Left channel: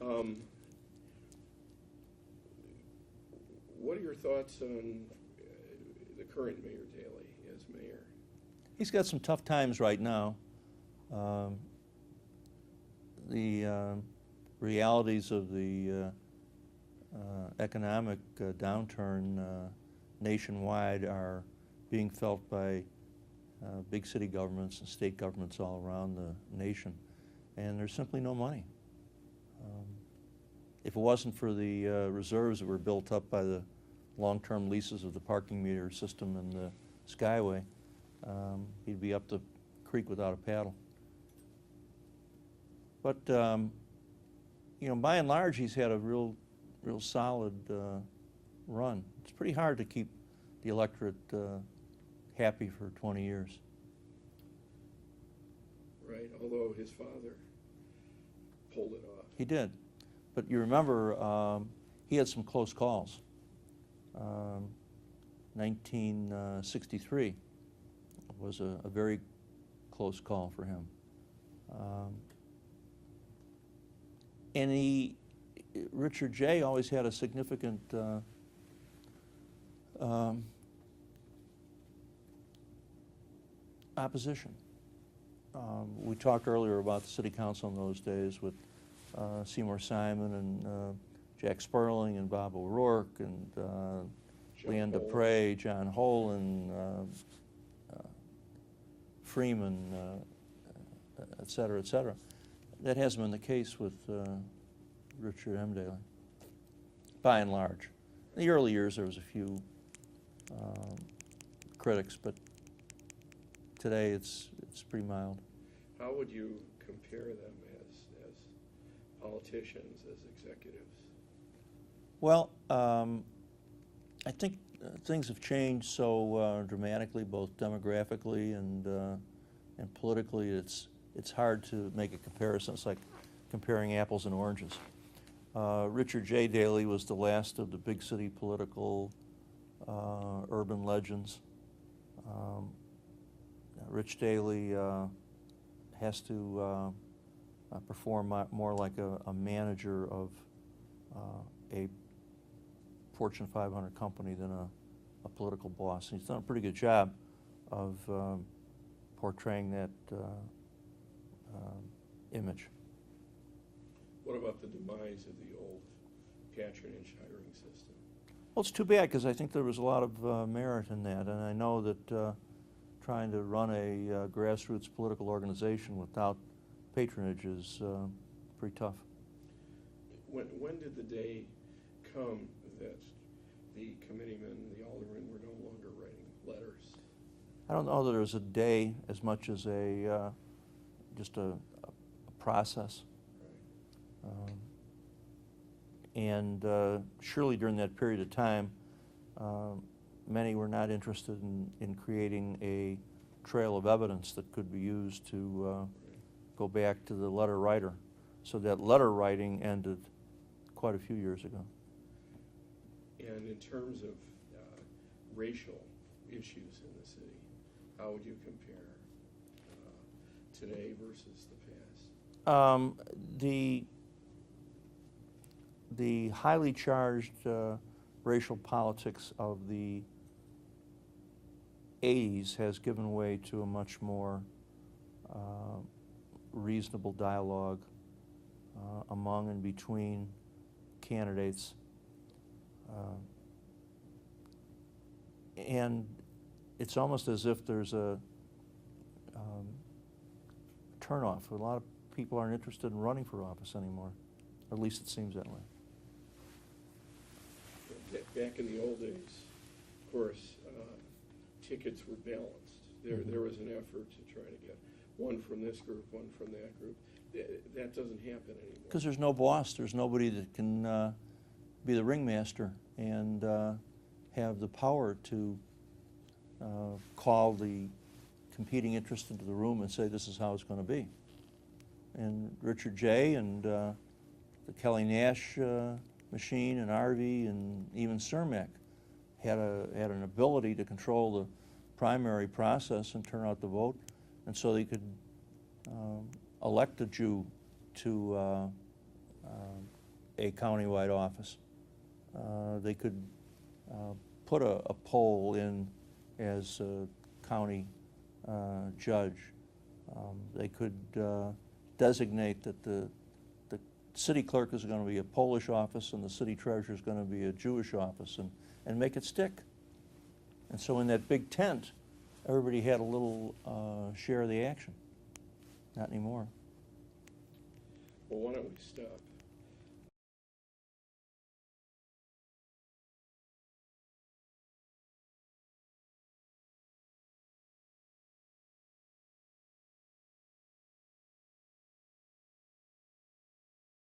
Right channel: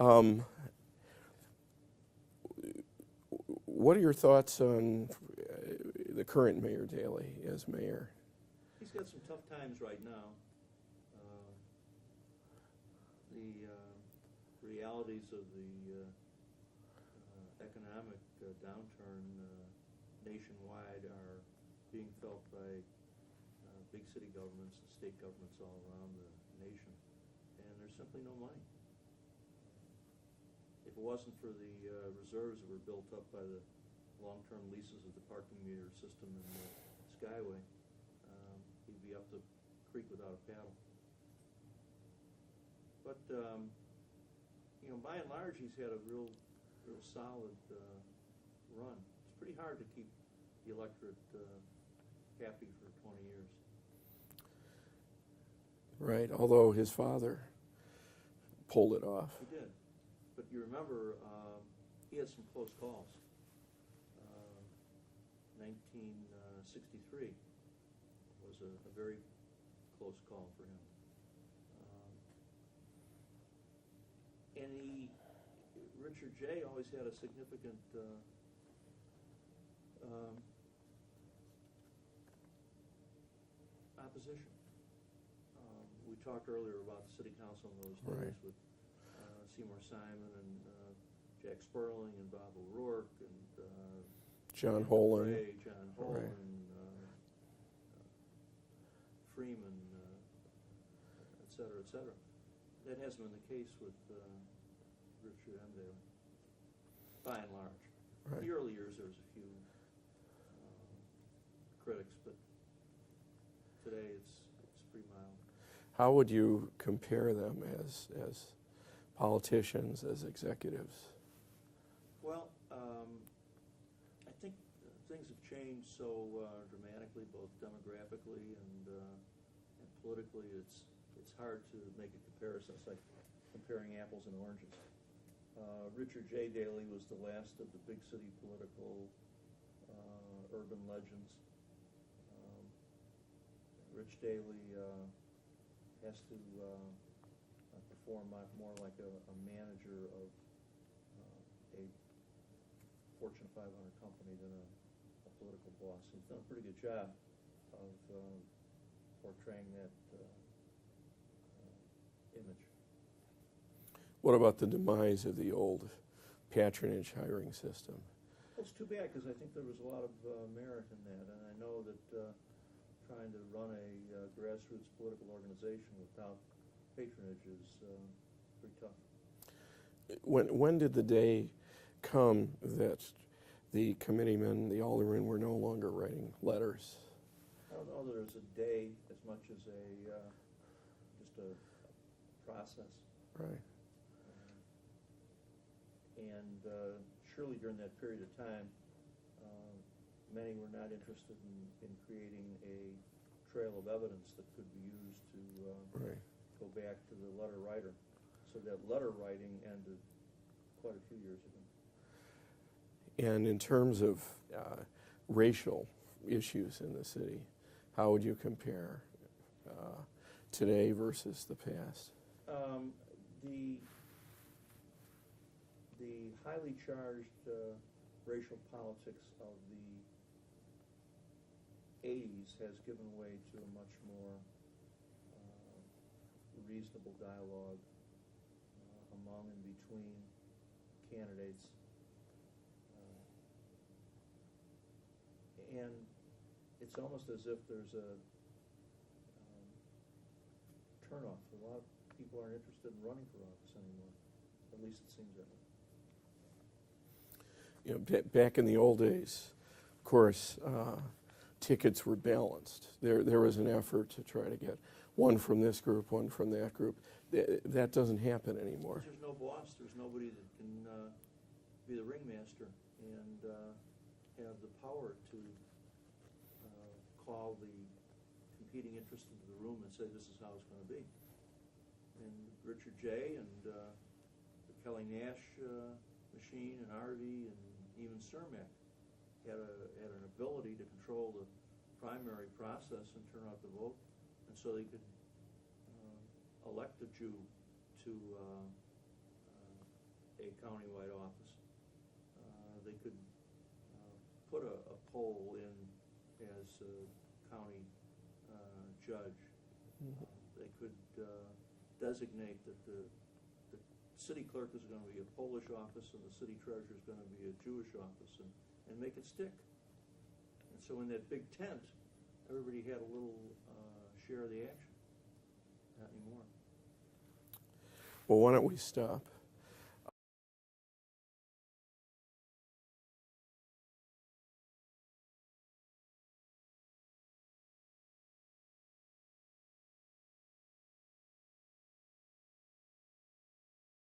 Um, what are your thoughts on the current Mayor Daley as mayor? He's got some tough times right now. The realities of the economic downturn nationwide are being felt by big city governments and state governments all around the nation, and there's simply no money. If it wasn't for the reserves that were built up by the long-term leases of the parking meter system and the Skyway, he'd be up the creek without a paddle. But you know, by and large, he's had a real solid run. It's pretty hard to keep the electorate happy for 20 years. Right, although his father pulled it off. He did. But you remember, he had some close calls. 1963 was a very close call for him. And Richard J. always had a significant opposition. We talked earlier about the city council in those days with Seymour Simon and Jack Sperling and Bob O'Rourke and Dan Dupre, John Holen, Freeman, et cetera, et cetera. That hasn't been the case with Richard M. Daley, by and large. Right. In the early years, there was a few critics, but today it's pretty mild. How would you compare them as politicians, as executives? Well, I think things have changed so dramatically, both demographically and politically. It's hard to make a comparison. It's like comparing apples and oranges. Richard J. Daley was the last of the big city political urban legends. Rich Daley has to perform more like a manager of a Fortune 500 company than a political boss. He's done a pretty good job of portraying that image. What about the demise of the old patronage hiring system? Well, it's too bad, because I think there was a lot of merit in that, and I know that trying to run a grassroots political organization without patronage is pretty tough. When did the day come that the committeemen, the aldermen, were no longer writing letters? I don't know that there was a day as much as just a process. Right. And surely during that period of time, many were not interested in creating a trail of evidence that could be used to right. go back to the letter writer. So that letter writing ended quite a few years ago. And in terms of racial issues in the city, how would you compare today versus the past? The highly charged racial politics of the 80s has given way to a much more reasonable dialogue among and between candidates. And it's almost as if there's a turnoff. A lot of people aren't interested in running for office anymore. At least it seems that way. You know, back in the old days, of course, tickets were balanced. There was an effort to try to get one from this group, one from that group. That doesn't happen anymore. Because there's no boss. There's nobody that can be the ringmaster and have the power to call the competing interest into the room and say this is how it's going to be. And Richard J. and the Kelly Nash machine and Arvey and even Cermak had an ability to control the primary process and turn out the vote, and so they could elect a Jew to a countywide office. They could put a poll in as a county judge. They could designate that the city clerk is going to be a Polish office and the city treasurer is going to be a Jewish office, and make it stick. And so in that big tent, everybody had a little share of the action. Not anymore. Well, why don't we stop?